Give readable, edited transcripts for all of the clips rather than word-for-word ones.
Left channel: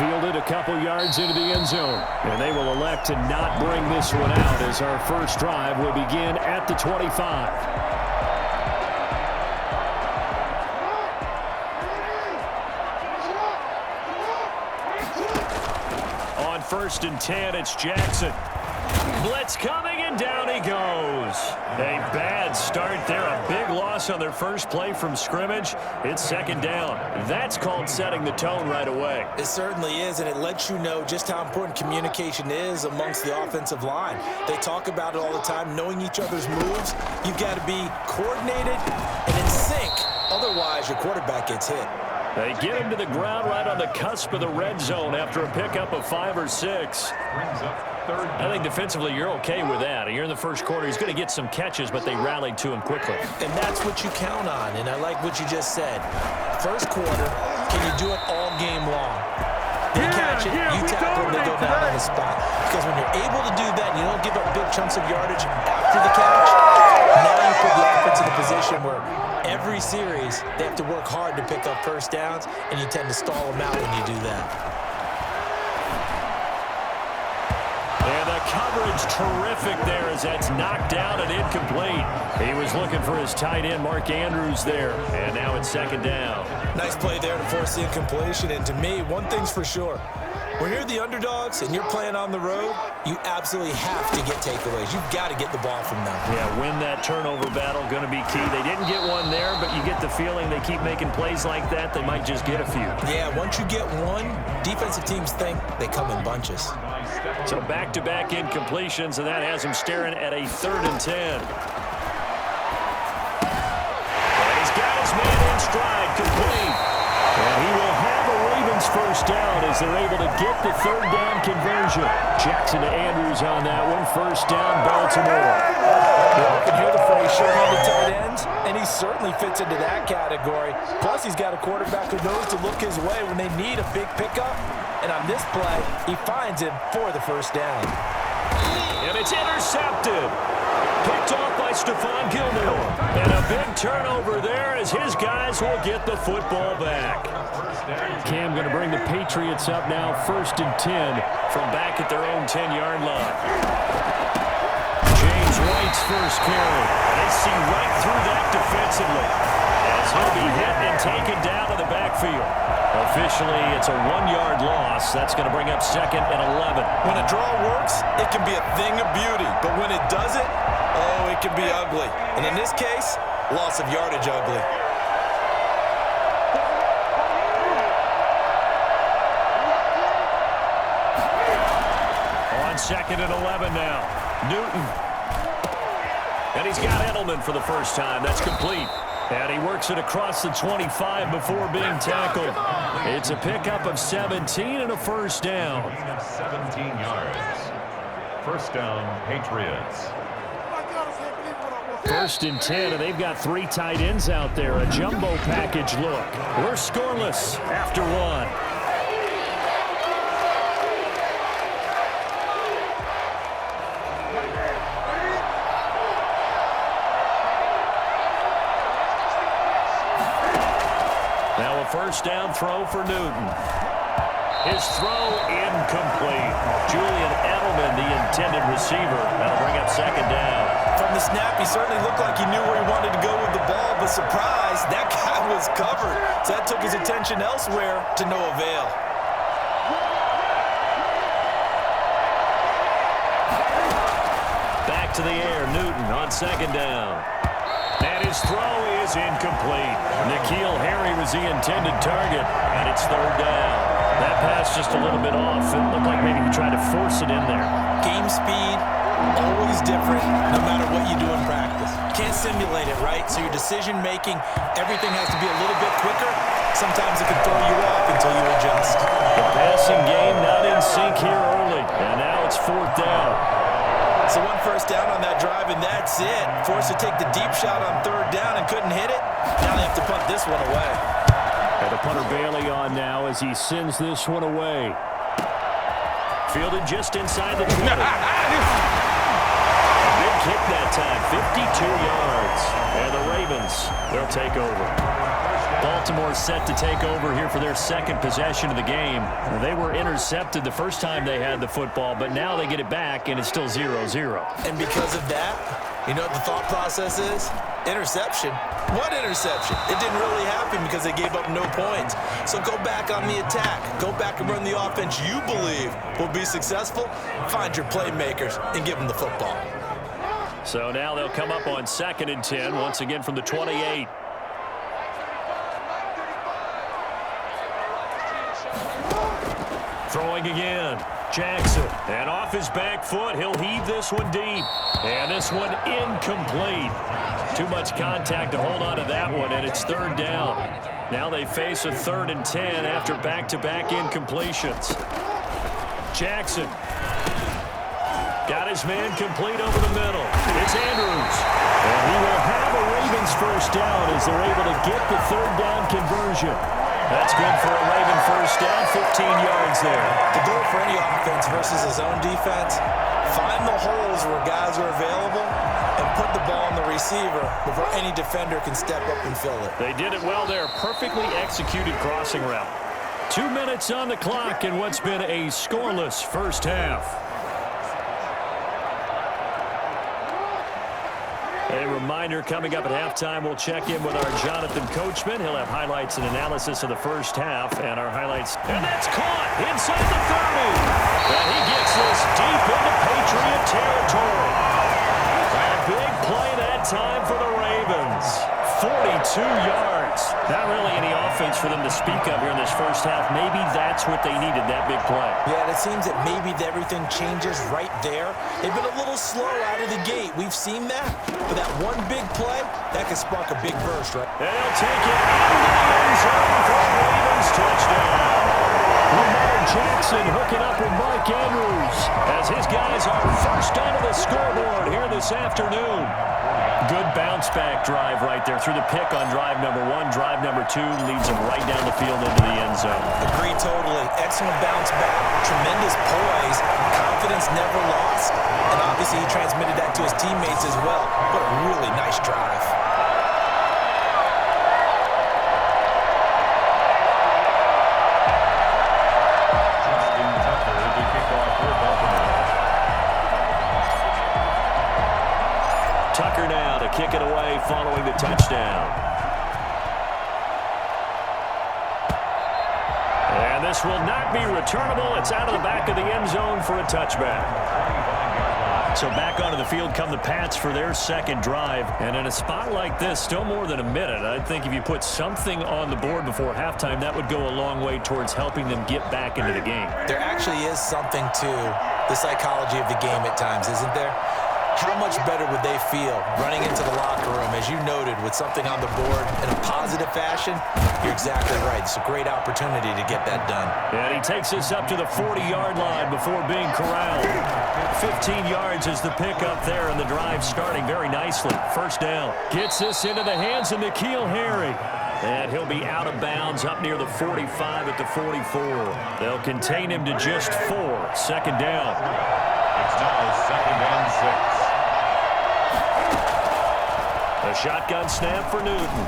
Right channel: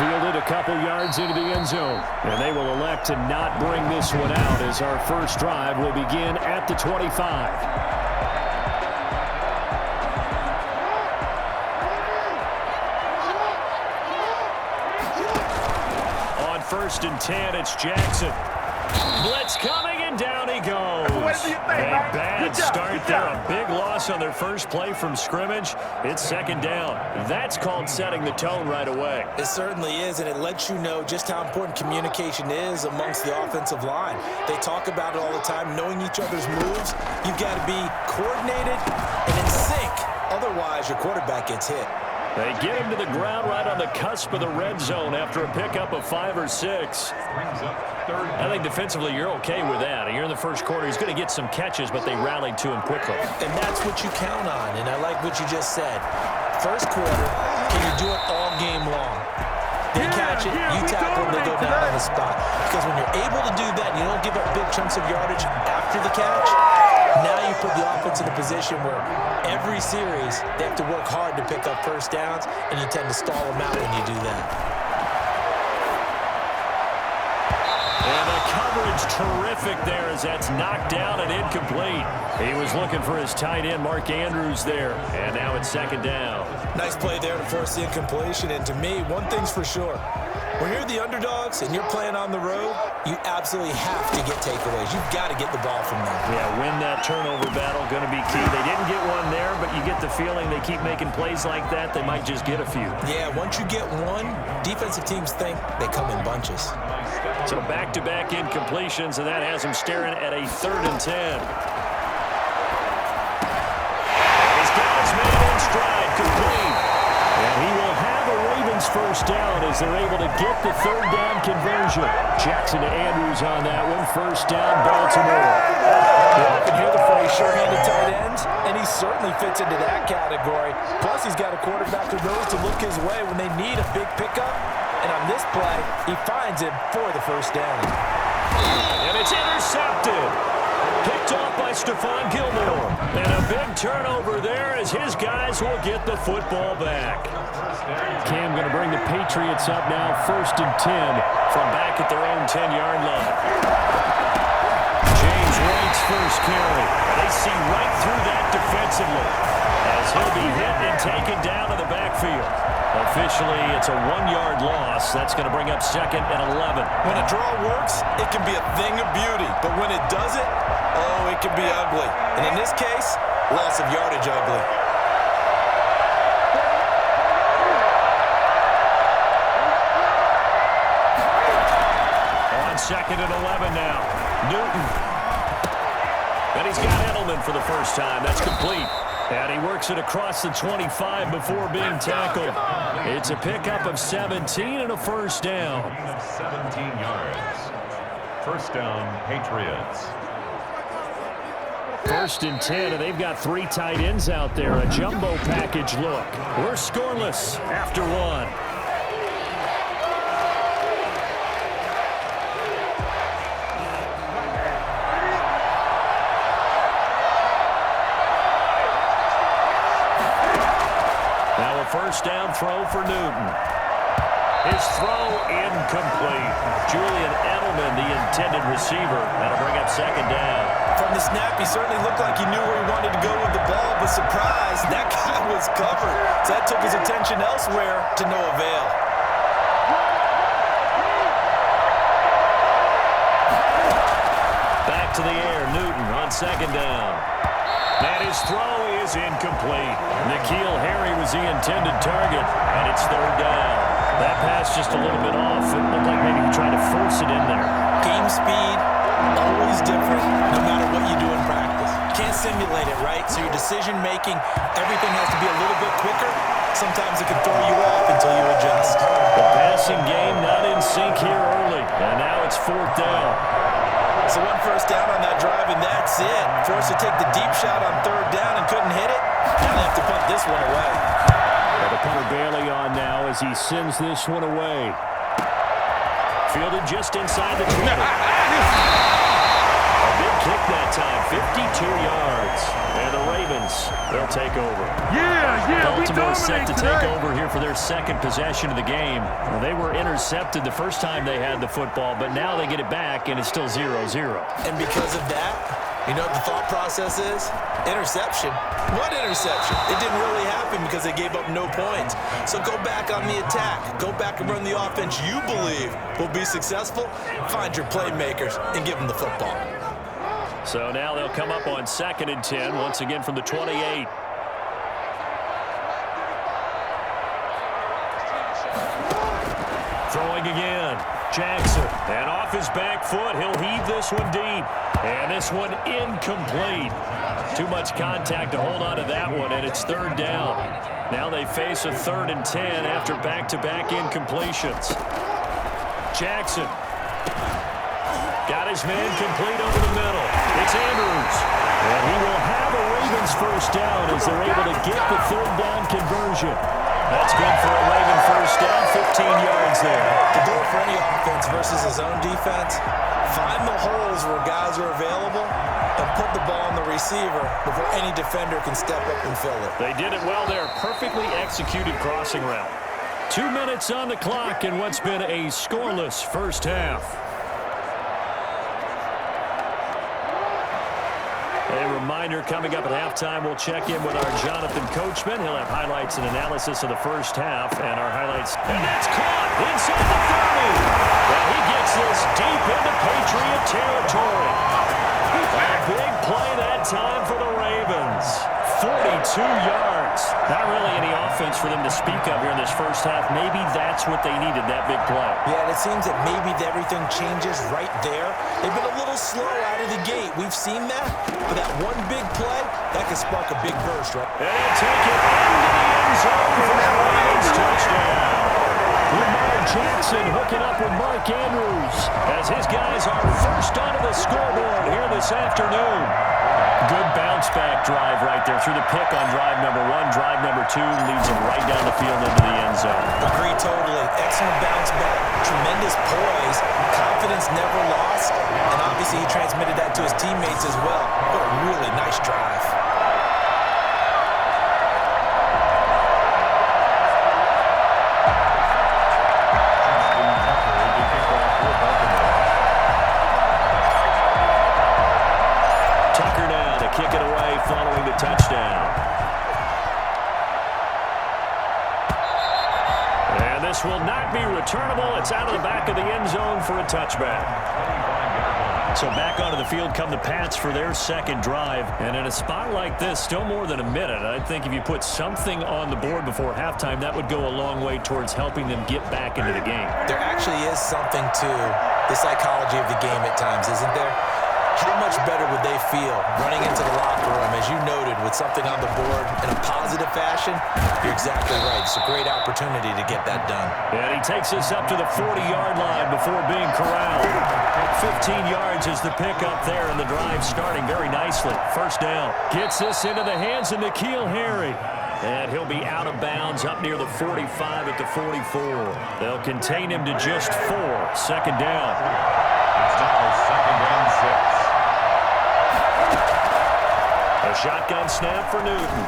Fielded a couple yards into the end zone. And they will elect to not bring this one out as our first drive will begin at the 25. On 1st and 10, it's Jackson. Blitz coming, and down he goes. A bad start there. A big loss on their first play from scrimmage. It's 2nd down. That's called setting the tone right away. It certainly is, and it lets you know just how important communication is amongst the offensive line. They talk about it all the time, knowing each other's moves. You've got to be coordinated and in sync. Otherwise, your quarterback gets hit. They get him to the ground right on the cusp of the red zone after a pickup of 5 or 6. I think defensively you're okay with that. You're in the first quarter. He's going to get some catches, but they rallied to him quickly. And that's what you count on, and I like what you just said. First quarter, can you do it all game long? They catch it, you tackle them, they go down on the spot. Because when you're able to do that and you don't give up big chunks of yardage after the catch, now you put the offense in a position where every series they have to work hard to pick up first downs, and you tend to stall them out when you do that. And the coverage terrific there as that's knocked down and incomplete. He was looking for his tight end, Mark Andrews, there. And now it's 2nd down. Nice play there to force the incompletion. And to me, one thing's for sure. When you're the underdogs and you're playing on the road, you absolutely have to get takeaways. You've got to get the ball from them. Yeah, win that turnover battle, going to be key. They didn't get one there, but you get the feeling they keep making plays like that, they might just get a few. Yeah, once you get one, defensive teams think they come in bunches. So back-to-back incompletions, and that has him staring at a 3rd and 10. And he's got his man in stride, complete. And he will have a Ravens first down as they're able to get the 3rd down conversion. Jackson to Andrews on that one. First down, Baltimore. You often hear the phrase sure-handed tight ends, and he certainly fits into that category. Plus, he's got a quarterback who knows to look his way when they need a big pickup. And on this play, he finds him for the first down. And it's intercepted. Picked off by Stephon Gilmore. And a big turnover there as his guys will get the football back. Cam going to bring the Patriots up now, 1st and 10 from back at their own 10-yard line. James White's first carry. And they see right through that defensively as he'll be hit and taken down to the backfield. Officially, it's a 1-yard loss. That's going to bring up 2nd and 11. When a draw works, it can be a thing of beauty. But when it doesn't, oh, it can be ugly. And in this case, loss of yardage ugly. On 2nd and 11 now. Newton. And he's got Edelman for the first time. That's complete. And he works it across the 25 before being tackled. It's a pickup of 17 and a first down. 17 yards. First down, Patriots. 1st and 10, and they've got 3 tight ends out there. A jumbo package look. We're scoreless after 1. Now a first down throw for Newton. His throw incomplete. Julian Edelman, the intended receiver. That'll bring up 2nd down. From the snap, he certainly looked like he knew where he wanted to go with the ball, but surprise, that guy was covered. So that took his attention elsewhere to no avail. Back to the air, Newton on 2nd down. And his throw is incomplete. N'Keal Harry was the intended target, and it's 3rd down. That pass just a little bit off. It looked like maybe he tried to force it in there. Game speed, always different, no matter what you do in practice. Can't simulate it, right? So your decision-making, everything has to be a little bit quicker. Sometimes it can throw you off until you adjust. The passing game not in sync here early, and now it's 4th down. So 1 first down on that drive, and that's it. Forced to take the deep shot on 3rd down and couldn't hit it. Now they have to punt this one away. And the punter Bailey on now as he sends this one away. Fielded just inside the 20. A big kick that halftime, 52 yards. And the Ravens, they'll take over. Baltimore set to take over here for their second possession of the game. They were intercepted the first time they had the football, but now they get it back, and it's still 0-0. And because of that, you know what the thought process is? Interception. What interception? It didn't really happen because they gave up no points. So go back on the attack. Go back and run the offense you believe will be successful. Find your playmakers and give them the football. So now they'll come up on 2nd and 10, once again from the 28. Throwing again. Jackson. And off his back foot, he'll heave this one deep. And this one incomplete. Too much contact to hold on to that one, and it's 3rd down. Now they face a 3rd and 10 after back-to-back incompletions. Jackson. Got his man complete over the middle. It's Andrews. And he will have a Ravens first down as they're able to get the 3rd down conversion. That's good for a Raven first down, 15 yards there. The goal for any offense versus his own defense, find the holes where guys are available and put the ball on the receiver before any defender can step up and fill it. They did it well there. Perfectly executed crossing route. 2 minutes on the clock in what's been a scoreless first half. A reminder, coming up at halftime, we'll check in with our Jonathan Coachman. He'll have highlights and analysis of the first half and our highlights. And that's caught inside the 30. And he gets this deep into Patriot territory. A big play that time for the Ravens. 42 yards. Not really any offense for them to speak of here in this first half. Maybe that's what they needed, that big play. Yeah, and it seems that maybe everything changes right there. They've been a little slow out of the gate. We've seen that. But that one big play, that could spark a big burst, right? And he'll take it into the end zone for a Ravens touchdown. Lamar Jackson hooking up with Mark Andrews as his guys are first onto the scoreboard here this afternoon. Good bounce-back drive right there through the pick on drive number 1. Drive number 2 leads them right down the field into the end zone. Agree totally. Excellent bounce back. Tremendous poise. Confidence never lost. And obviously he transmitted that to his teammates as well. What a really nice drive. Tucker now to kick it away following the touchdown. And this will not be returnable. It's out of the back of the end zone for a touchback. So back onto the field come the Pats for their second drive. And in a spot like this, still more than a minute, I think if you put something on the board before halftime, that would go a long way towards helping them get back into the game. There actually is something to the psychology of the game at times, isn't there? How much better would they feel running into the locker room, as you noted, with something on the board in a positive fashion? You're exactly right. It's a great opportunity to get that done. And he takes us up to the 40-yard line before being corralled. 15 yards is the pickup there, and the drive starting very nicely. First down. Gets this into the hands of N'Keal Harry. And he'll be out of bounds up near the 45 at the 44. They'll contain him to just 4. Second down. It's now 2nd and 6. A shotgun snap for Newton.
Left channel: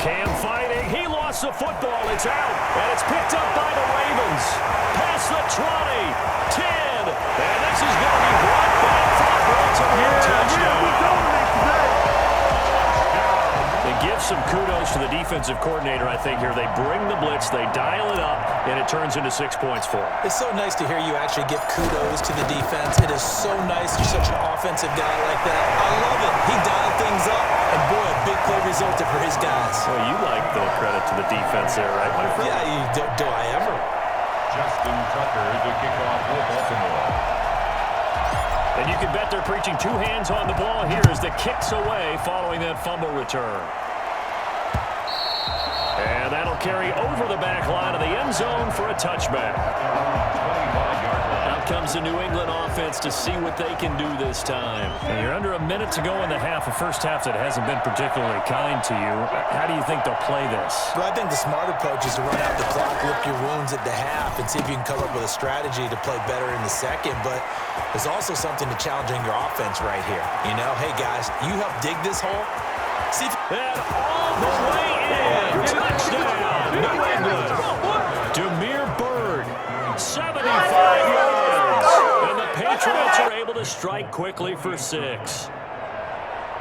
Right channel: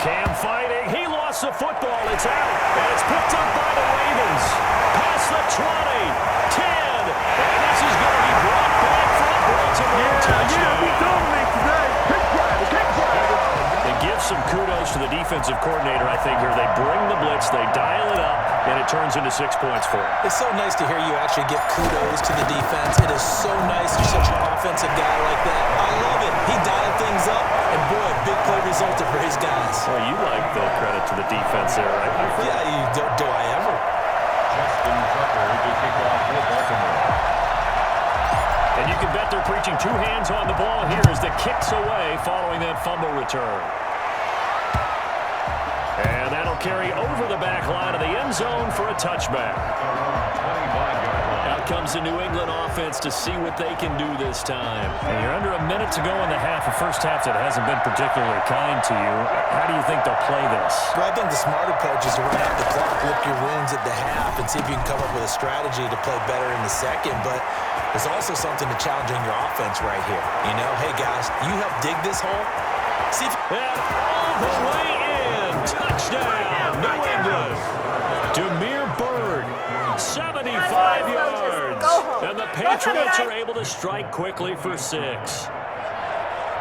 Cam fighting. He lost the football. It's out. And it's picked up by the Ravens. Past the 20. 10. And this is going to be brought back for a Baltimore touchdown. We dominate today. And give some kudos to the defensive coordinator, I think, here. They bring the blitz, they dial it up, and it turns into 6 points for them. It's so nice to hear you actually give kudos to the defense. It is so nice you're such an offensive guy like that. I love it. He dialed things up, and boy, a big play resulted for his guys. Well, you like the credit to the defense there, right, my friend? Yeah, do I ever? Justin Tucker to kick off for Baltimore. And you can bet they're preaching 2 hands on the ball here as the kick's away following that fumble return. And that'll carry over the back line of the end zone for a touchback. 25-yard line. Out comes the New England offense to see what they can do this time. And you're under a minute to go in the half, a first half that hasn't been particularly kind to you. How do you think they'll play this? Well, I think the smart approach is to run out the clock, lick your wounds at the half, and see if you can come up with a strategy to play better in the second. But there's also something to challenging your offense right here. You know, hey, guys, you help dig this hole. See if and all the way in. Touchdown, New England. Demir Bird, 75 yards. And the Patriots are able to strike quickly for 6.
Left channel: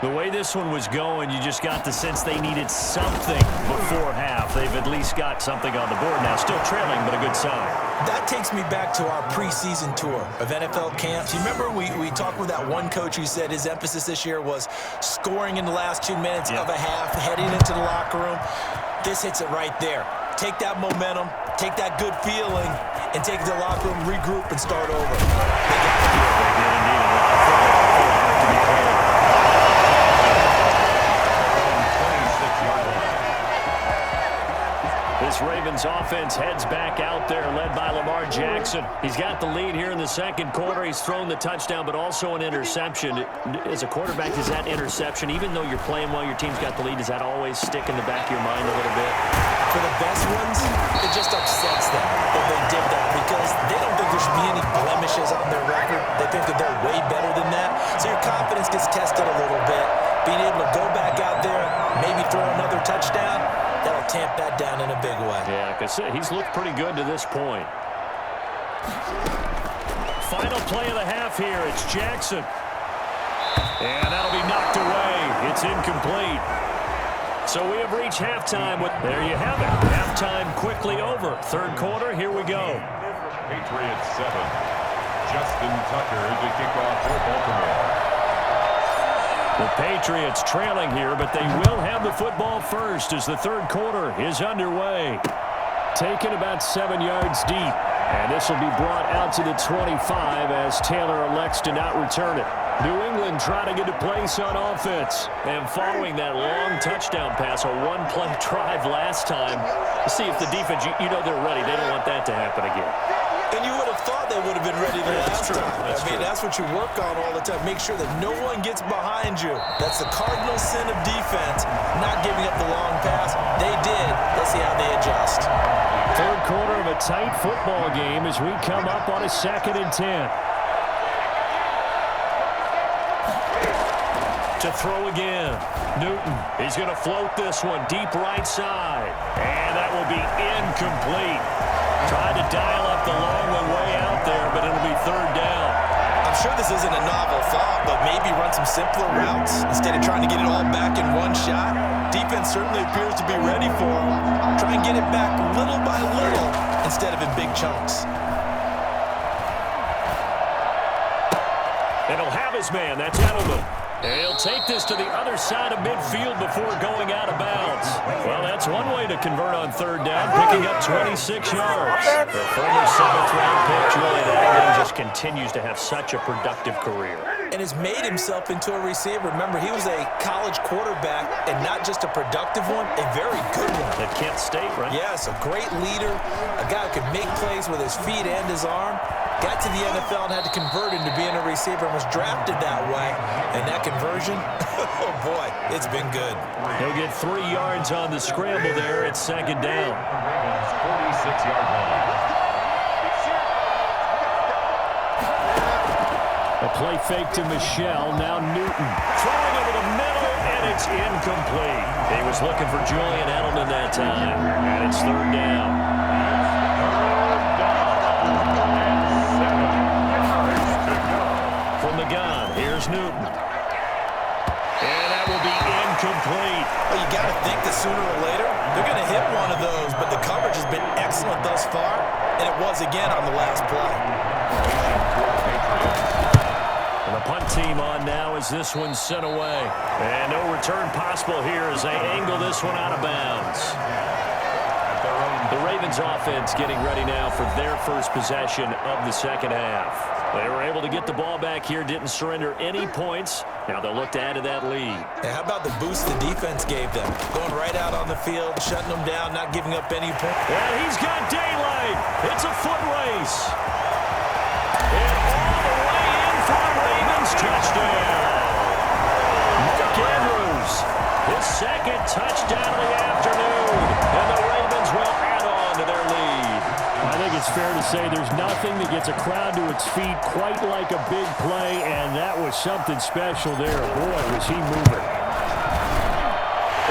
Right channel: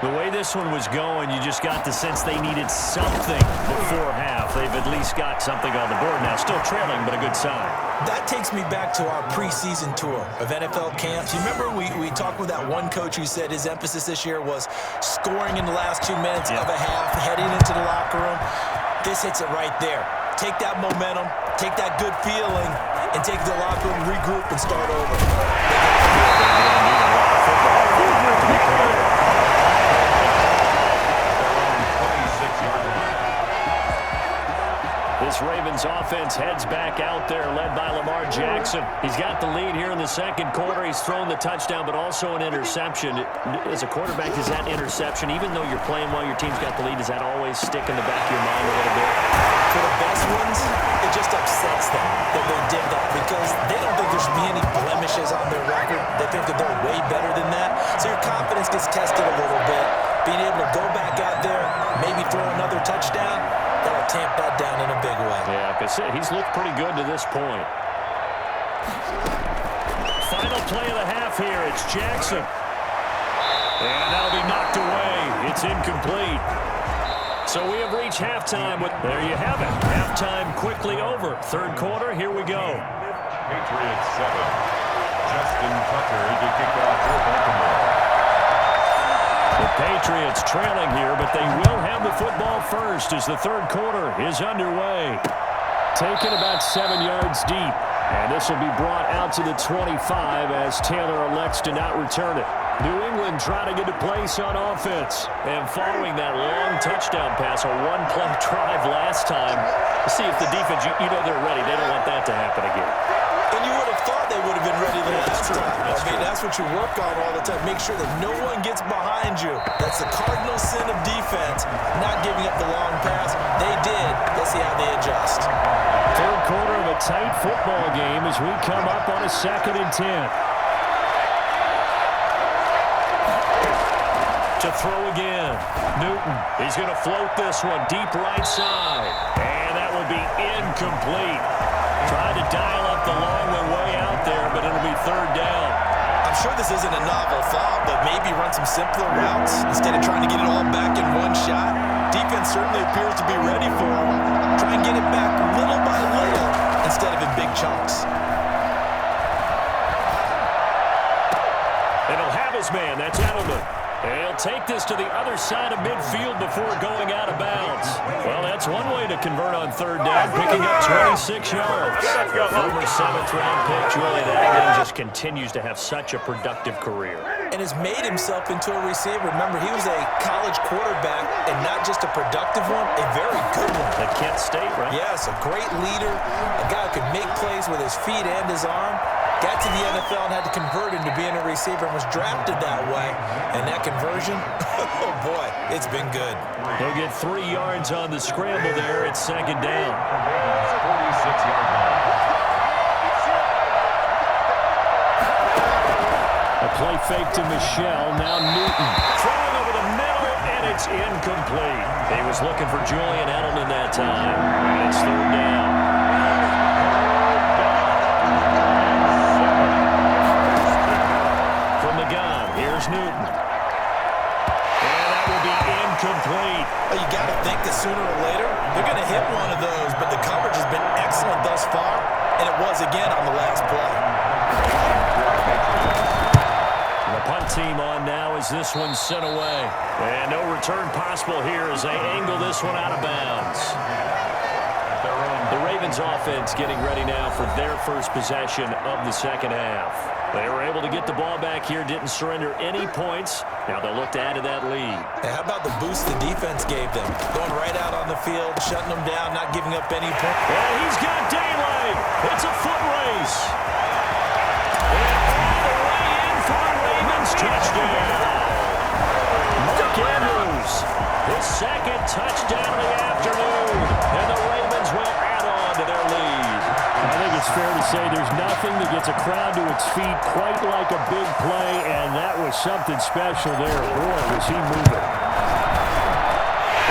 The way this one was going, you just got the sense they needed something before half. They've at least got something on the board now. Still trailing, but a good sign. That takes me back to our preseason tour of NFL camps. You remember we talked with that one coach who said his emphasis this year was scoring in the last 2 minutes of a half, heading into the locker room. This hits it right there. Take that momentum, take that good feeling, and take the locker room, regroup, and start over. They got to do it. They did indeed a lot of football to be played. This Ravens offense heads back out there, led by Lamar Jackson. He's got the lead here in the second quarter. He's thrown the touchdown, but also an interception. As a quarterback, is that interception, even though you're playing while your team's got the lead, does that always stick in the back of your mind a little bit? For the best ones, it just upsets them that they did that because they don't think there should be any blemishes on their record. They think that they're way better than that. So your confidence gets tested a little bit. Being able to go back out there, maybe throw another touchdown, that'll tamp that down in a big way. Yeah, like I said, he's looked pretty good to this point. Final play of the half here. It's Jackson. And that'll be knocked away. It's incomplete. So we have reached halftime. There you have it. Halftime quickly over. Third quarter, here we go. Patriots 7. Justin Tucker to kick off for Baltimore. The Patriots trailing here, but they will have the football first as the third quarter is underway. Taken about 7 yards deep, and this will be brought out to the 25 as Taylor elects to not return it. New England trying to get a place on offense, and following that long touchdown pass, a one-play drive last time, to see if the defense, you know they're ready. They don't want that to happen again. And you would have thought they would have been ready the last time. I mean, that's what you work on all the time. Make sure that no one gets behind you. That's the cardinal sin of defense, not giving up the long pass. They did. Let's see how they adjust. Third quarter of a tight football game as we come up on a 2nd and 10. To throw again. Newton, he's going to float this one deep right side. And that will be incomplete. Tried to dial up the long one way out there, but it'll be third down. I'm sure this isn't a novel thought, but maybe run some simpler routes instead of trying to get it all back in one shot. Defense certainly appears to be ready for him. Try and get it back little by little instead of in big chunks. And he'll have his man. That's Edelman. And he'll take this to the other side of midfield before going out of bounds. Well, that's one way to convert on third down, picking up 26 yards. The former 7th-round pick, Julian Edelman, just continues to have such a productive career. And has made himself into a receiver. Remember, he was a college quarterback, and not just a productive one, a very good one. At Kent State, right? Yes, a great leader, a guy who could make plays with his feet and his arm. Got to the NFL and had to convert into being a receiver and was drafted that way. And that conversion, oh boy, it's been good. He'll get 3 yards on the scramble there. It's 2nd down. 46-yard line. A play fake to Michelle. Now Newton throwing over the middle, and it's incomplete. He was looking for Julian Edelman that time, and it's 3rd down. From the gun, here's Newton. And that will be incomplete. Well, you got to think that sooner or later, they're going to hit one of those, but the coverage has been excellent thus far, and it was again on the last play. And the punt team on now as this one's sent away. And no return possible here as they angle this one out of bounds. At their own The Ravens offense getting ready now for their first possession of the second half. They were able to get the ball back here, didn't surrender any points. Now they'll look to add to that lead. And how about the boost the defense gave them? Going right out on the field, shutting them down, not giving up any points. And he's got daylight. It's a foot race. And all the way in for a Ravens touchdown. Mark Andrews, his second touchdown of the afternoon. And the Ravens will add on to their lead. I think it's fair to say there's nothing that gets a crowd to its feet quite like a big play, and that was something special there. Boy, was he moving.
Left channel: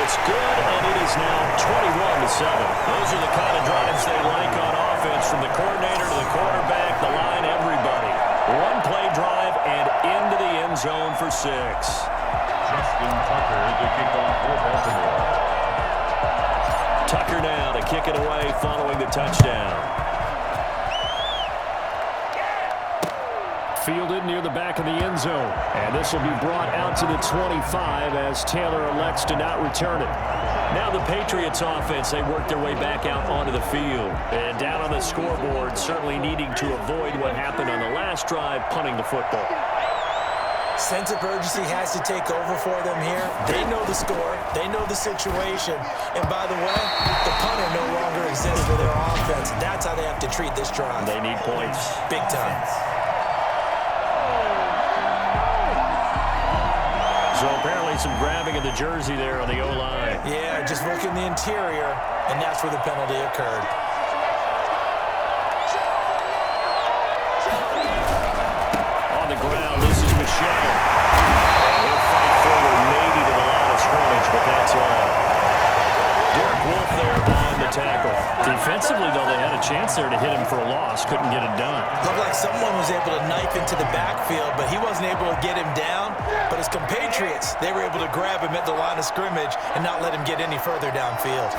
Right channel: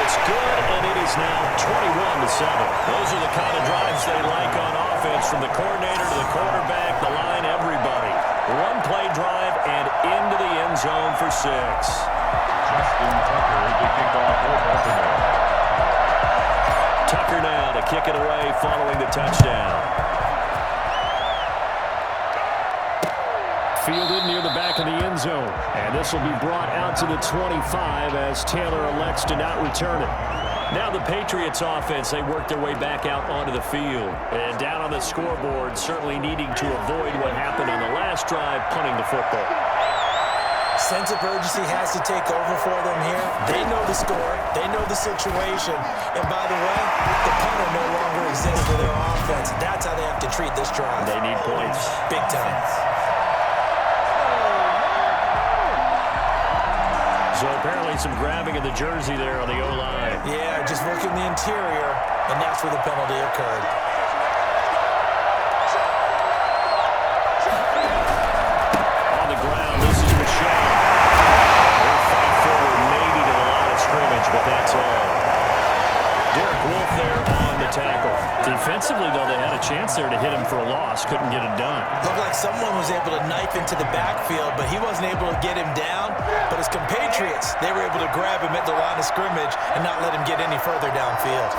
It's good, and it is now 21-7. Those are the kind of drives they like on offense, from the coordinator to the quarterback, the line, everybody. One-play drive and into the end zone for 6. Justin Tucker to kick off for Baltimore. Tucker now to kick it away following the touchdown. Fielded near the back of the end zone. And this will be brought out to the 25 as Taylor elects to not return it. Now the Patriots offense, they work their way back out onto the field. And down on the scoreboard, certainly needing to avoid what happened on the last drive, punting the football. Sense of urgency has to take over for them here. They know the score. They know the situation. And by the way, the punter no longer exists for their offense. That's how they have to treat this drive. They need points. Big time. So apparently some grabbing of the jersey there on the O-line. Yeah, just working the interior, and that's where the penalty occurred. On the ground, this is Michel. And he'll fight forward maybe to the line of scrimmage, but that's all. Derek Wolfe there on the tackle. Defensively, though, they had a chance there to hit him for a loss. Couldn't get it done. Looked like someone was able to knife into the backfield, but he wasn't able to get him down. But his compatriots, they were able to grab him at the line of scrimmage and not let him get any further downfield.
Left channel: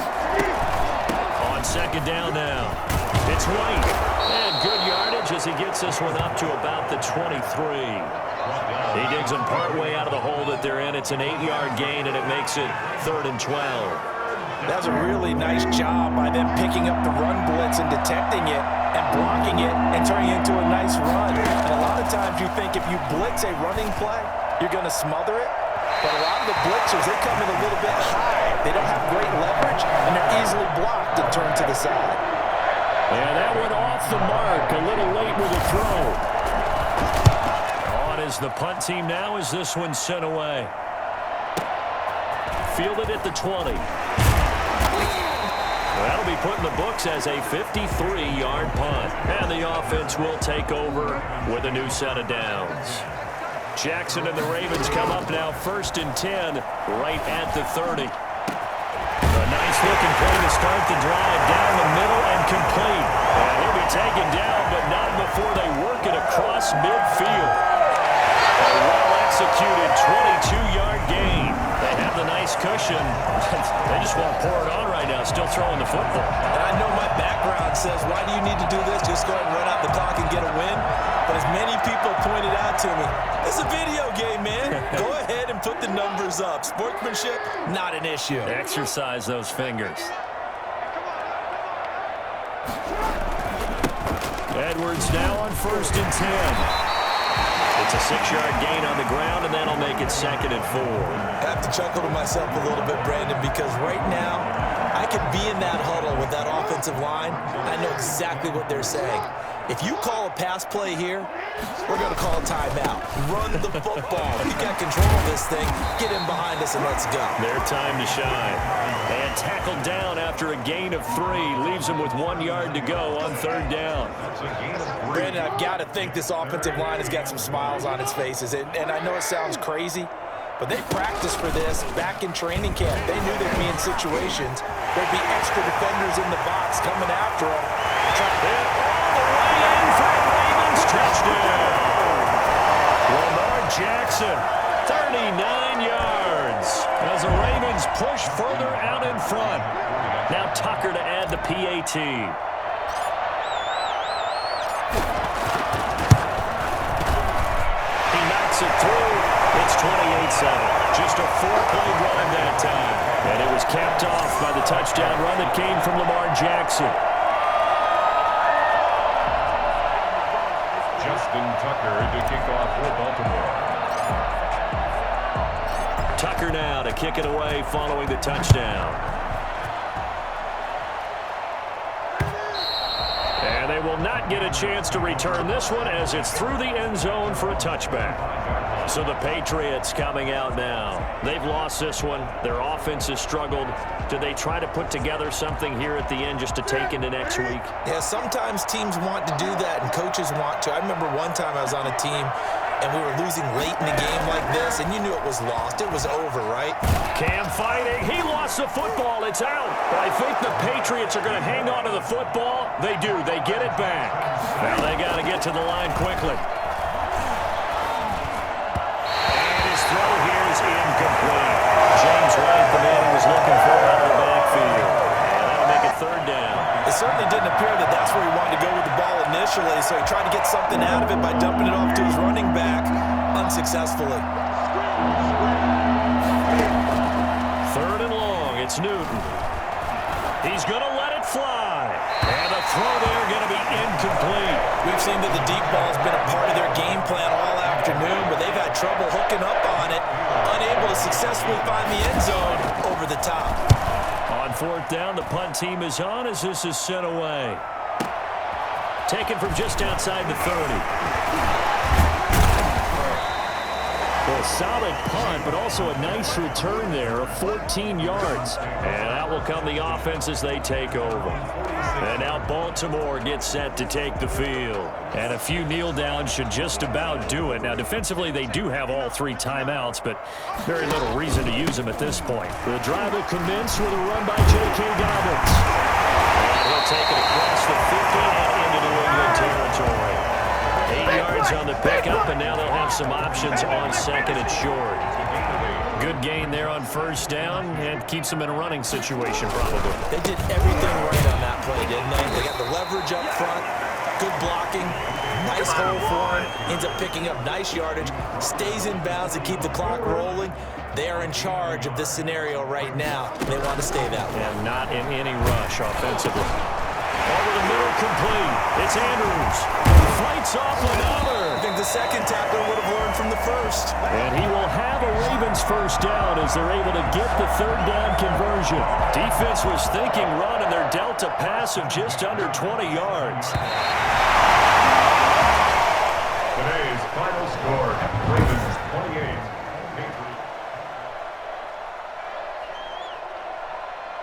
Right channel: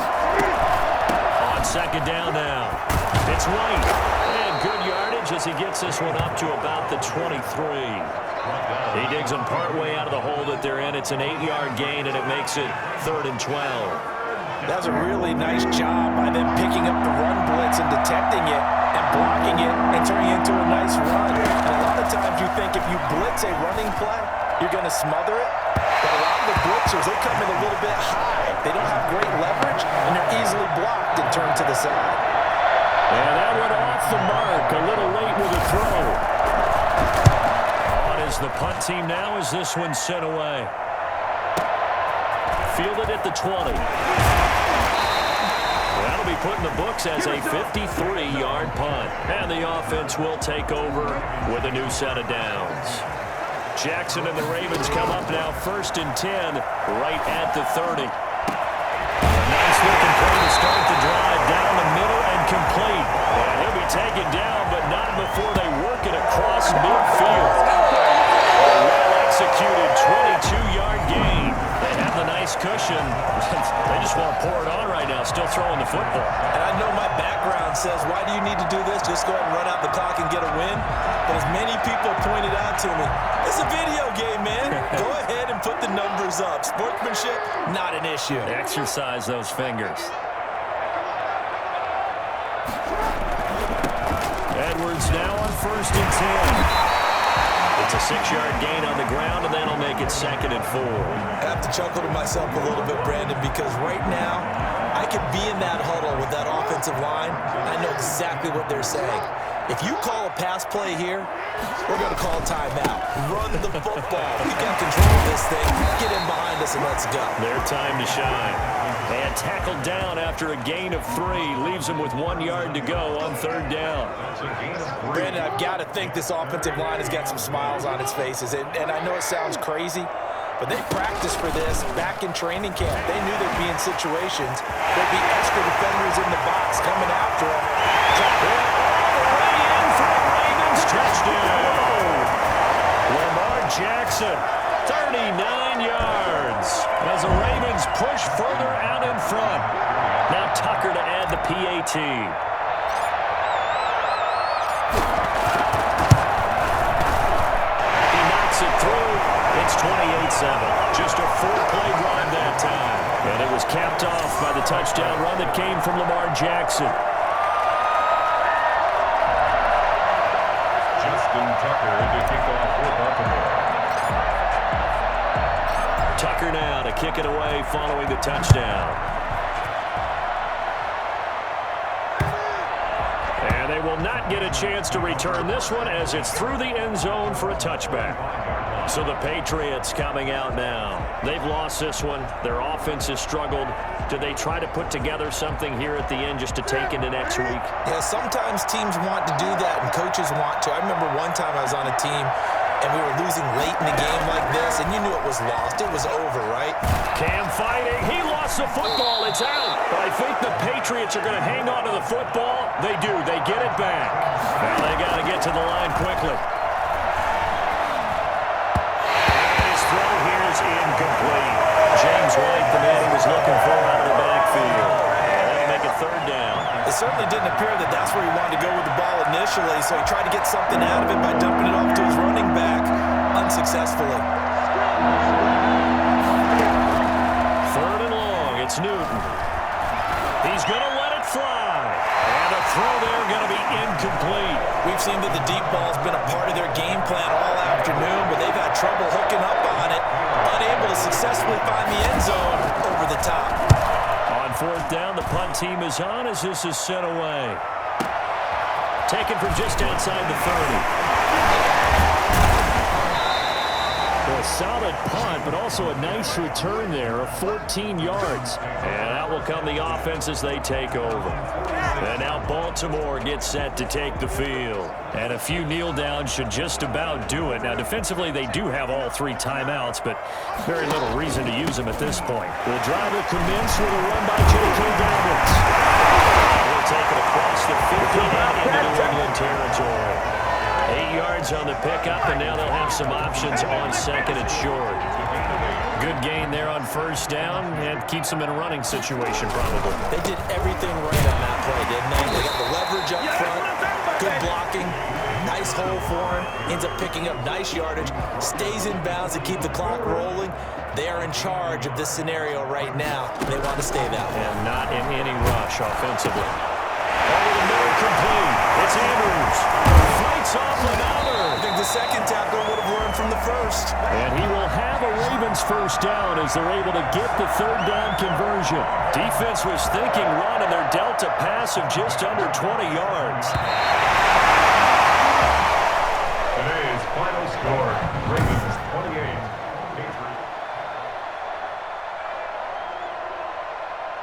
On second down now, it's White. And good yardage as he gets this one up to about the 23. He digs him partway out of the hole that they're in. It's an 8-yard gain, and it makes it 3rd and 12. That was a really nice job by them picking up the run blitz and detecting it and blocking it and turning it into a nice run. And a lot of times you think if you blitz a running play, you're going to smother it. But a lot of the blitzers, they come in a little bit high. They don't have great leverage, and they're easily blocked and turned to the side. And that went off the mark. A little late with a throw. On is the punt team now as this one's sent away. Fielded at the 20. That'll be put in the books as a 53-yard punt. And the offense will take over with a new set of downs. Jackson and the Ravens come up now 1st and 10 right at the 30. A nice-looking play to start the drive down the middle and complete. And he'll be taken down, but not before they work it across midfield. A well-executed 22-yard gain. They have the nice cushion. They just want to pour it on right now, still throwing the football. And I know my background says, why do you need to do this? Just go ahead and run out the clock and get a win. But as many people pointed out to me, it's a video game, man. Go ahead and put the numbers up. Sportsmanship, not an issue. Exercise those fingers. Edwards now on 1st and 10. It's a 6-yard gain on the ground, and that'll make it 2nd and 4. I have to chuckle to myself a little bit, Brandon, because right now I could be in that huddle with that offensive line. I know exactly what they're saying. If you call a pass play here, we're going to call a timeout. Run the football. We got control of this thing. Get in behind us and let's go. Their time to shine. And tackled down after a gain of 3. Leaves them with 1 yard to go on 3rd down. Brandon, I've got to think this offensive line has got some smiles on its faces. And I know it sounds crazy, but they practiced for this back in training camp. They knew there'd be in situations. There'd be extra defenders in the box coming after them. And all the way in for a Ravens touchdown. Lamar Jackson, 39 yards. As the Ravens push further out in front. Now Tucker to add the PAT. gets it through. It's 28-7. Just a 4-play drive that time. And it was capped off by the touchdown run that came from Lamar Jackson. Justin Tucker to kick off for Baltimore. Tucker now to kick it away following the touchdown. And they will not get a chance to return this one as it's through the end zone for a touchback. So the Patriots coming out now. They've lost this one. Their offense has struggled. Do they try to put together something here at the end just to take into next week? Yeah, sometimes teams want to do that and coaches want to. I remember one time I was on a team and we were losing late in the game like this, and you knew it was lost. It was over, right? Cam fighting. He lost the football. It's out. But I think the Patriots are going to hang on to the football. They do. They get it back. Now they got to get to the line quickly. And his throw here is incomplete. James White, the man he was looking for out of the backfield. And that'll make it third down. It certainly didn't appear that that's where he wanted to go with the ball initially, so he tried to get something out of it by dumping it off to his running back unsuccessfully. Third and long. It's Newton. He's going to let it fly. And the throw there going to be incomplete. We've seen that the deep ball has been a part of their game plan all afternoon, but they've had trouble hooking up on it, unable to successfully find the end zone over the top. On fourth down, the punt team is on as this is sent away. Taken from just outside the 30. A solid punt, but also a nice return there of 14 yards. And out will come the offense as they take over. And now Baltimore gets set to take the field. And a few kneel downs should just about do it. Now, defensively, they do have all 3 timeouts, but very little reason to use them at this point. The drive will commence with a run by J.K. Dobbins. And he'll take it across the 50 and into New England territory. 8 yards on the pickup, and now they'll have some options on second and short. Good gain there on first down, and keeps them in a running situation probably. They did everything right on that play, didn't they? They got the leverage up front, good blocking, nice hole for him, ends up picking up nice yardage, stays in bounds to keep the clock rolling. They are in charge of this scenario right now. They want to stay that way. And not in any rush offensively. Over the middle, complete. It's Andrews. Fights off another. I think the second tackler would have learned from the first. And he will have a Ravens first down as they're able to get the third down conversion. Defense was thinking run, and they're dealt a pass of just under 20 yards. Today's final score, Ravens 28,